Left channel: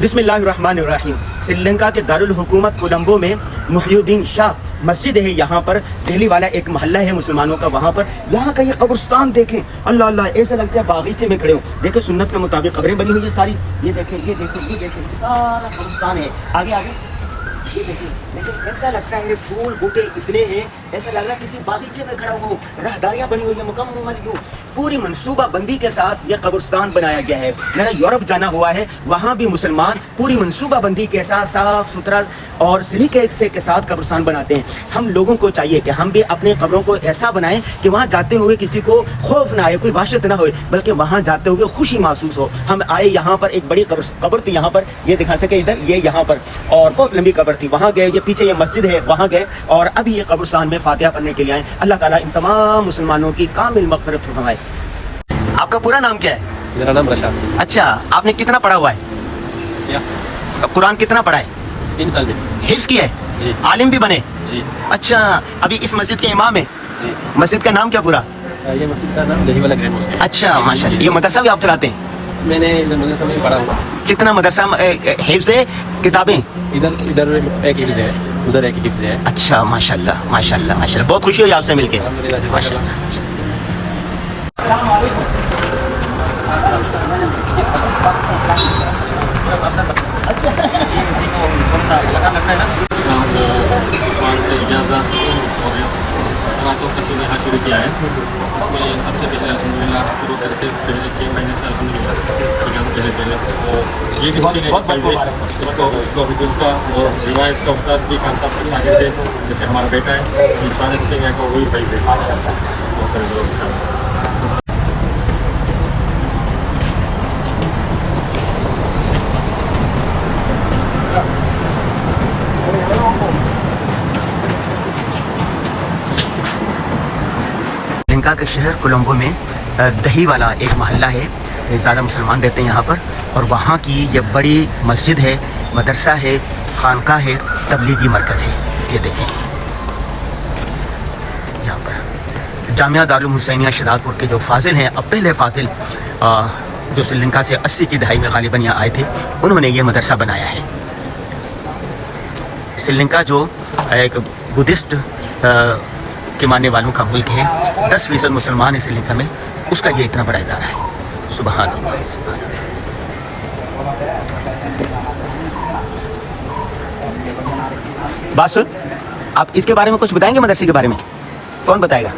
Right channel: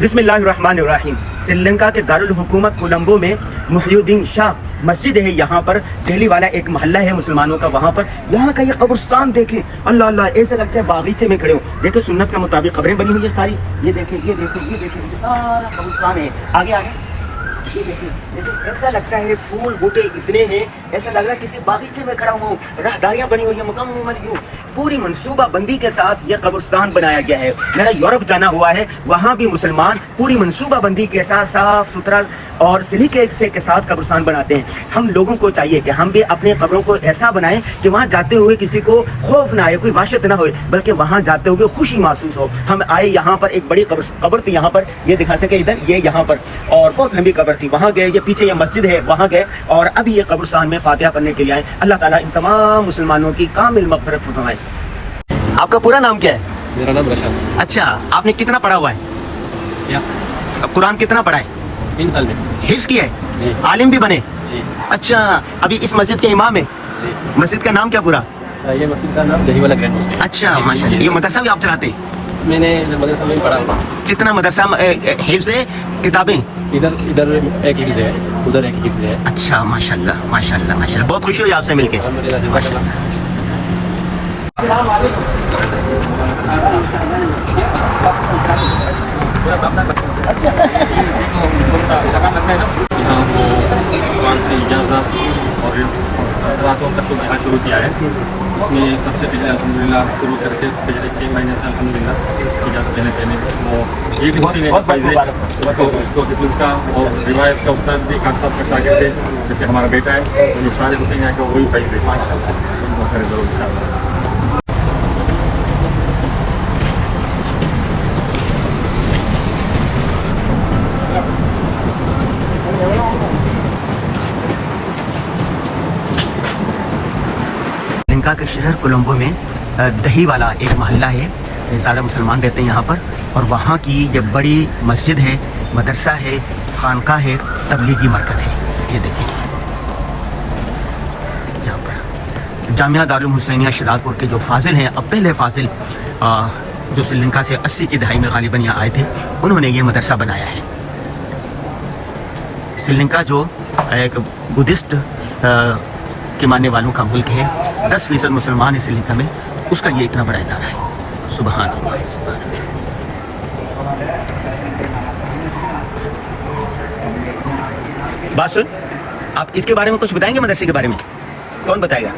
बिस्मिल्लाहिर्रहमानिर्रहीम। श्रीलंका के दारुल हुकूमत कोलंबो में मुहियुद्दीन शाह मस्जिद है। यहाँ पर दिल्ली वाला एक मोहल्ला है मुसलमानों का, वहाँ पर यहाँ का ये कब्रिस्तान देखे, अल्लाह अल्लाह, ऐसे लगता है बागीचे में खड़े हो। देखो सुन्नत के मुताबिक कब्रें बनी हुई है सारी। ये देखिए, ये देखो, ये देखिए, ये सारा कब्रिस्तान है। आगे आगे ये देखिए, ऐसा लगता है फूल बूटे इतने हैं, ऐसा लग रहा है किसी बागीचे में खड़ा हुआ, राहदारियां बनी हुई है मुकम्मल पूरी मनसूबा बंदी के साथ ये कब्रिस्तान बनाया गया है। मेरा यूरोप जाना हुआ है, वहाँ भी मुसलमान पूरी मनसूबा बंदी के साथ साफ सुथरा और सलीके से के साथ कब्रिस्तान बनाते हैं। हम लोगों को चाहिए कि हम भी अपने कब्रों को ऐसा बनाएं कि वहाँ जाते हुए किसी को खौफ ना आए, कोई वहशत ना हो, बल्कि वहाँ जाते हुए खुशी महसूस हो। हम आए यहाँ पर, एक बड़ी कब्र थी यहाँ पर, ये दिखा सके इधर, ये यहाँ पर, और बहुत लंबी कब्र थी, वहाँ गए। ये पीछे ये मस्जिद है, वहाँ गए, और अभी ये कब्रिस्तान में फातिहा पढ़ने के लिए आए। अल्लाह ताला इन तमाम मुसलमानों की कामिल मग़फ़िरत फरमाए। आपका पूरा नाम क्या है? मेरा नाम रशाद। अच्छा, आपने कितना पढ़ा हुआ है? कुरान कितना पढ़ा है? 3 साल में हिफ्ज़ किया है? जी। आलिम भी बने? जी। अच्छा, अभी इस मस्जिद के इमाम है? जी। मस्जिद का नाम क्या पूरा? ये मस्जिद का नाम दही वाला ग्रैंड मॉस्क है। अच्छा माशाल्लाह। ये मदरसा भी आप चलाते हैं? मैंने मदरसा में पढ़ा हुआ। कितना मदरसा हिफ्ज़ है, किताबें? इधर एक हिफ्ज़ है, उधर एक हिफ्ज़ है। अच्छा माशाल्लाह माशाल्लाह माशाल्लाह, बहुत खुशी हुई आपसे मिलके। का शुरू किया है। इसमें सबसे पहले अल्हम्दुलिल्लाह शुरू करके पहले 6 महीने से अल्हम्दुलिल्लाह पहले तो ये भी उसी ने उसको का और रिवायत का उस्ताद भी खान साहब का शागिर्द थे, जैसे हमारा बेटा है, ये सारे हुसैन यहाँ का वही फायदे वो करे लोग इंशाअल्लाह। श्रीलंका के शहर कोलंबो में दही वाला एक मोहल्ला है, ये ज़्यादा मुसलमान रहते हैं यहाँ पर, और वहाँ की ये बड़ी मस्जिद है, मदरसा है, खानका है, तबलीगी मरकज़ है। ये देखें यहाँ पर जामिया दारुल हुसैनिया शिदालपुर के जो फाजिल हैं, अब पहले फाजिल जो श्रीलंका से 80 की दहाई में गालिबन यहाँ आए थे, उन्होंने ये मदरसा बनाया है। श्रीलंका जो एक बुद्धिस्ट के मानने वालों का मुल्क है, 10% मुसलमान है श्रीलंका में, उसका ये इतना बड़ा इदारा है। सुभान अल्लाह। बात सुन, आप इसके बारे में कुछ बताएंगे? मदरसे के बारे में कौन बताएगा?